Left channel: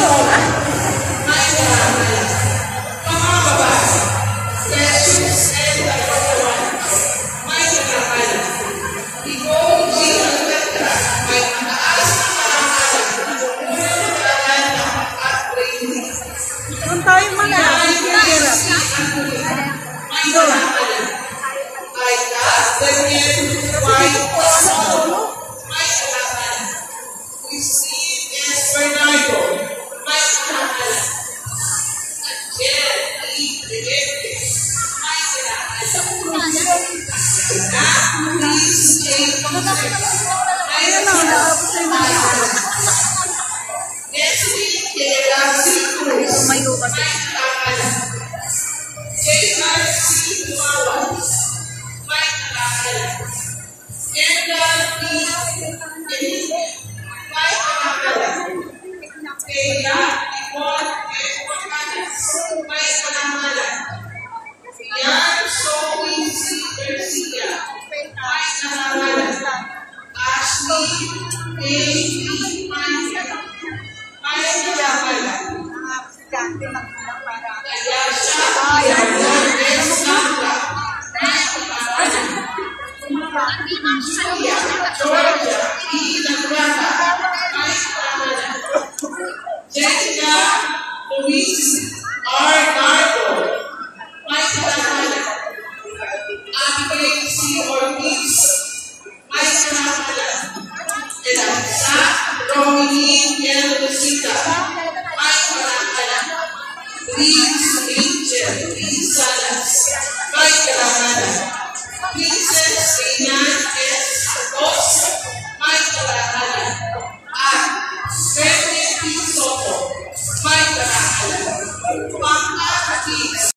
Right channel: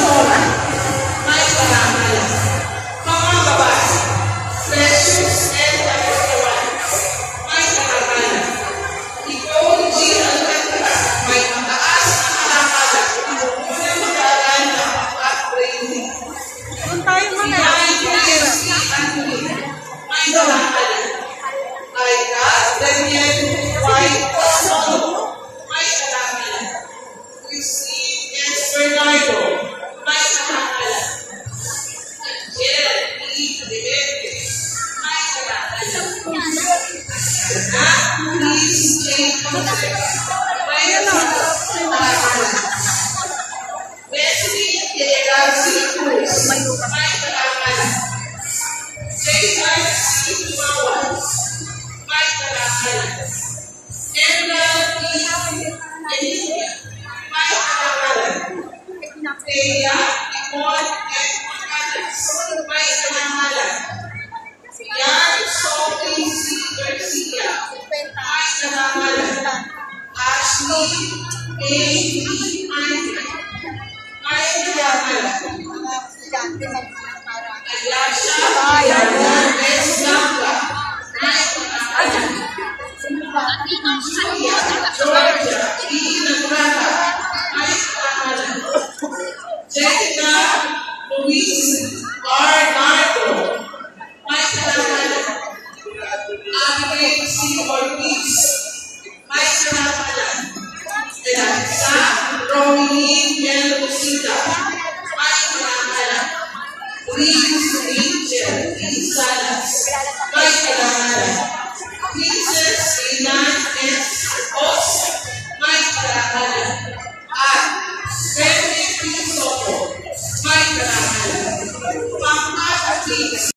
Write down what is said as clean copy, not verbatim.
Zamora, may karangalan. Mga babae, Precious and Alcatraz, may karangalan. Nicole G. Alcatraz, may mataas na karangalan. Unang mag-aaral ng at-training. Doon tayo muna. May karangalan. Aida Daniel White Osolo, may karangalan. Christine S. Bernardo, may karangalan. Angel E. Rivete, may karangalan. Please J. Fonseca, may karangalan. Leslie Gerasi Cruz, may karangalan. J.R.C. Tumawan, may karangalan. Emma P. Enilia, may karangalan. Kaya Ipon and Macanas, may karangalan. Yan Sophie C. Garcia, may karangalan. Ashley A. D. Manja, may karangalan. Ayasha Yaron S. Langga, may karangalan. Julia Georgia E. Nagrata, may karangalan. Jessica Luis R. Nardo, may karangalan. Abigail C. Ortiz, may karangalan. Eliza Romini L. Lucita, may karangalan. Liz Angel E. Salas, may karangalan. Princess Kainan S. Os, may karangalan. At Benedict P. Soto, may karangalan. Pangkat